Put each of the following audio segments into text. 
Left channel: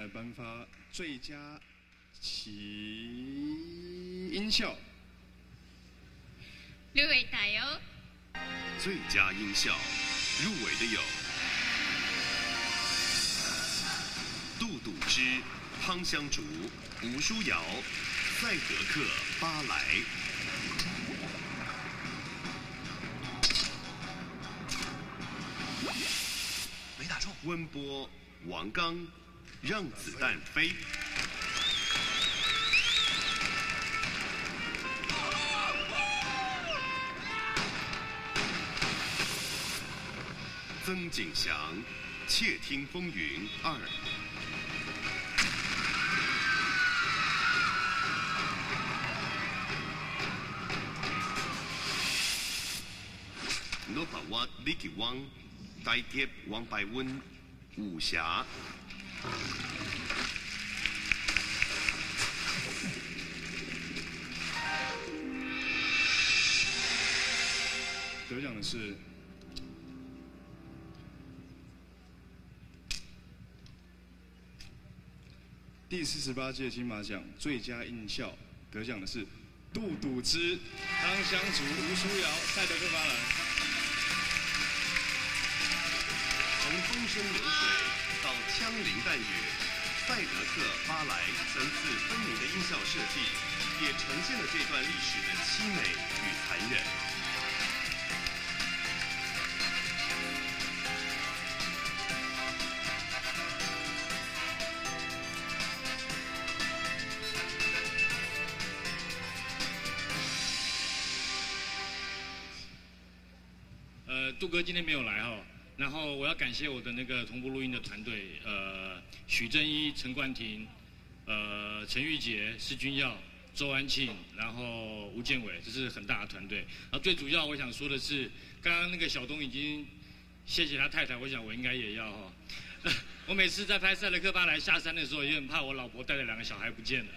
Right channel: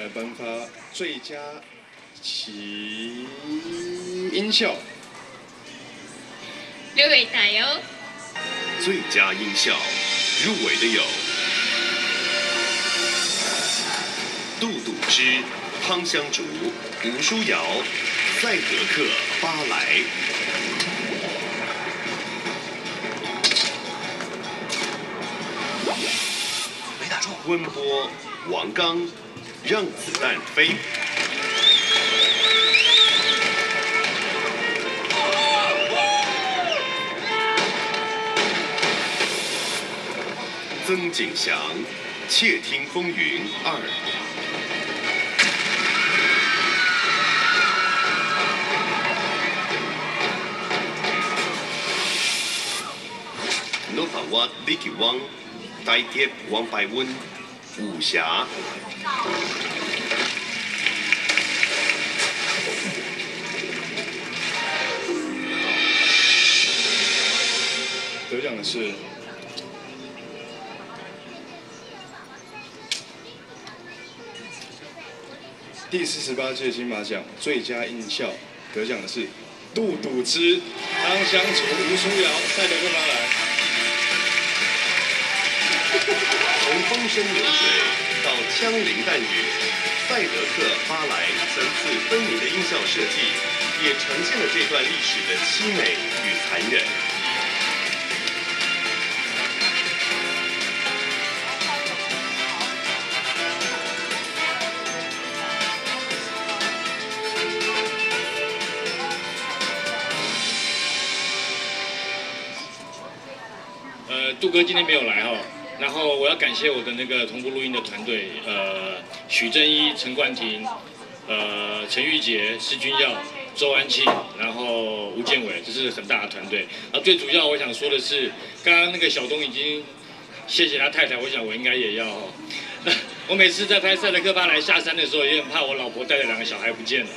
来颁发最佳其音效。6位打油。最佳音效入围的有杜笃之、汤香竹、吴舒瑶、赛德克·巴莱。没打中。温波、王刚，让子弹飞。曾景祥，《窃听风云2》。诺法瓦李吉汪，大铁王百温，武侠。得奖的是第48届金马奖最佳音效，得奖的是杜笃之、汤香竹、吴舒瑶、赛德克·巴莱。从风声流水到枪林弹雨，赛德克·巴莱层次分明的音效设计，也呈现了这段历史的凄美与残忍。杜哥今天没有来哈，然后我要感谢我的那个同步录音的团队，许正一、陈冠廷，陈玉洁、施君耀、周安庆，然后吴建伟，这是很大的团队。然后最主要我想说的是，刚刚那个小东已经谢谢他太太，我想我应该也要哈。我每次在拍赛德克·巴莱下山的时候，也很怕我老婆带着2个小孩不见了，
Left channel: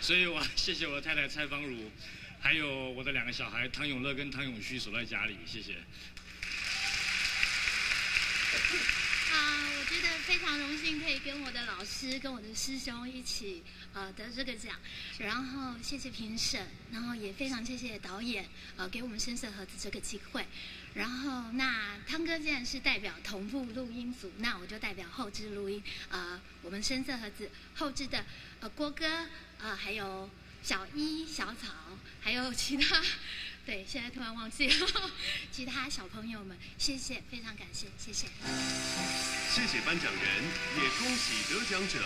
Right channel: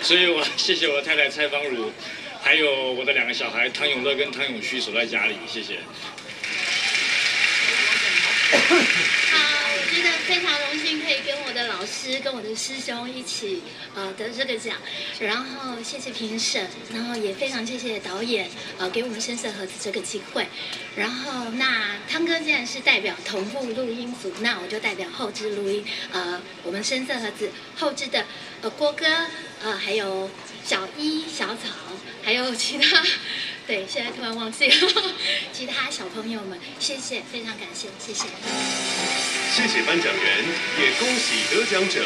所以我谢谢我的太太蔡芳如，还有我的2个小孩汤永乐跟汤永旭守在家里，谢谢。我觉得非常荣幸可以跟我的老师、跟我的师兄一起得这个奖，然后谢谢评审，然后也非常谢谢导演给我们深色盒子这个机会，然后那汤哥既然是代表同步录音组，那我就代表后置录音，我们深色盒子后置的郭哥，还有小一、小草，还有其他。对，现在突然忘记了其他小朋友们，谢谢，非常感谢，谢谢。谢谢颁奖人，也恭喜得奖者。